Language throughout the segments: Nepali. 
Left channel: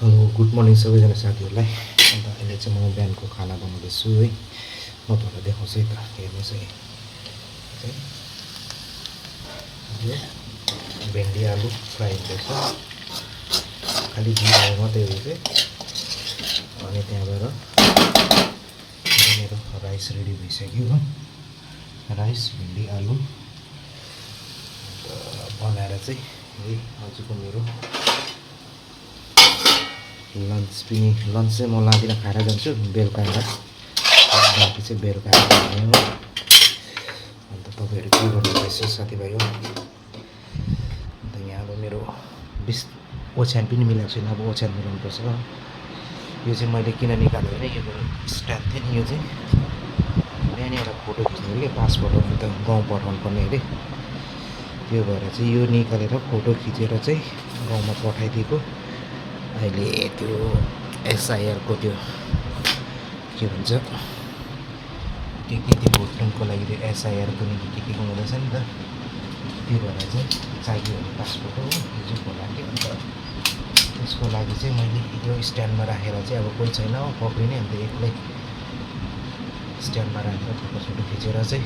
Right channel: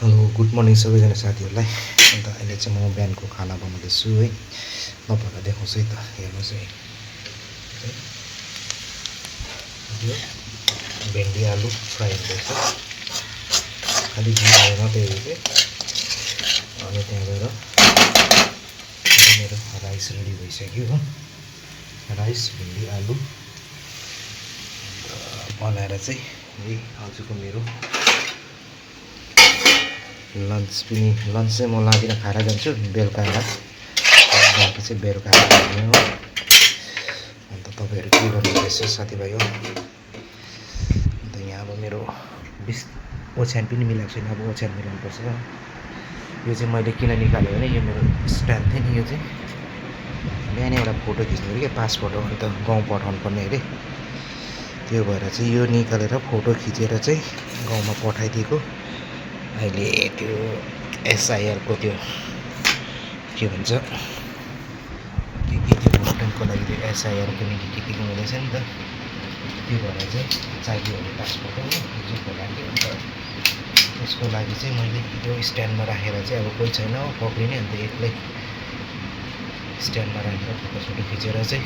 हेलो गुड मर्निङ सबैजना साथीहरूलाई। अन्त अहिले चाहिँ म बिहानको खाना बनाउँदैछु है। म भनेर देखाउँछु है त, हेर्नुहोस् है। यो भेन्डी आलु फ्राई हुँदैछ, खालि घिउ मात्रै हो चाहिँ। अनि त्यहाँ गएर मेरो राइस रेडी भइसक्यो हो। राइस भेन्डी आलु बनाएर चाहिँ यही आजको मेरो लन्च चाहिँ म लाँदिनँ, खाएर जान्छु बेलुका बाँकी चाहिँ बेलुका खाने हो। अन्त तपाईँहरू के गर्नुहुँदैछ साथीभाइ हो। अन्त यहाँ अब मेरो ओछ्यान पनि मिलाएको छैन, अब ओछ्यान मिलाउनुपर्छ। यो चाहिँ मैले किन निकालेँ भने यो मेरो स्ट्यान्ड थियो नि, यो चाहिँ बिहानै एउटा फोटो खिच्नु अरे क्या, पासपोर्ट हो, अन्त गाउँ पठाउनु पर्ने अरे। त्यो भएर चाहिँ यो निकालेर फोटो खिचेर चाहिँ गाउँमा पठाइदिएको। अहिले त्यो एसआइआरको त्यो के भन्छ के भोटको लागि त्यो एसआइआरको निम्ति के हुँदैछ नि त, त्यो भएर चाहिँ चाहियो भने पासपोर्ट हो जुको लागि। अन्त त्यसको लागि चाहिँ मैले यो स्ट्यान्डमा राखेर चाहिँ अब कोही छैन हो पक्रिने, अन्त एक्लै स्ट्यान्डमा राखेर फोटो खिचेर चाहिँ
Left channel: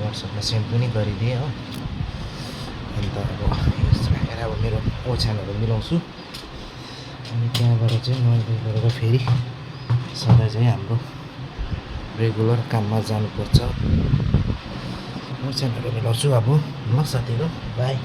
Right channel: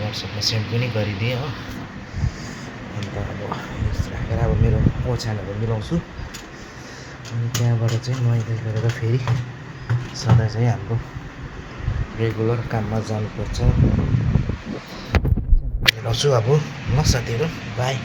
वाट्सएपमा सेन्ड पनि गरिदिएँ हो। अन्त अब राखेर अब मेरो ओछ्यानहरू मिलाउँछु। अनि त्यहाँबाट चाहिँ नुहाइधुवाइ गरेर फेरि सधैँ चाहिँ हाम्रो रेगुलर काममा जानुपर्छ। ओछ्यानहरू मिलाउँछु अब। ल साथीहरू बाई।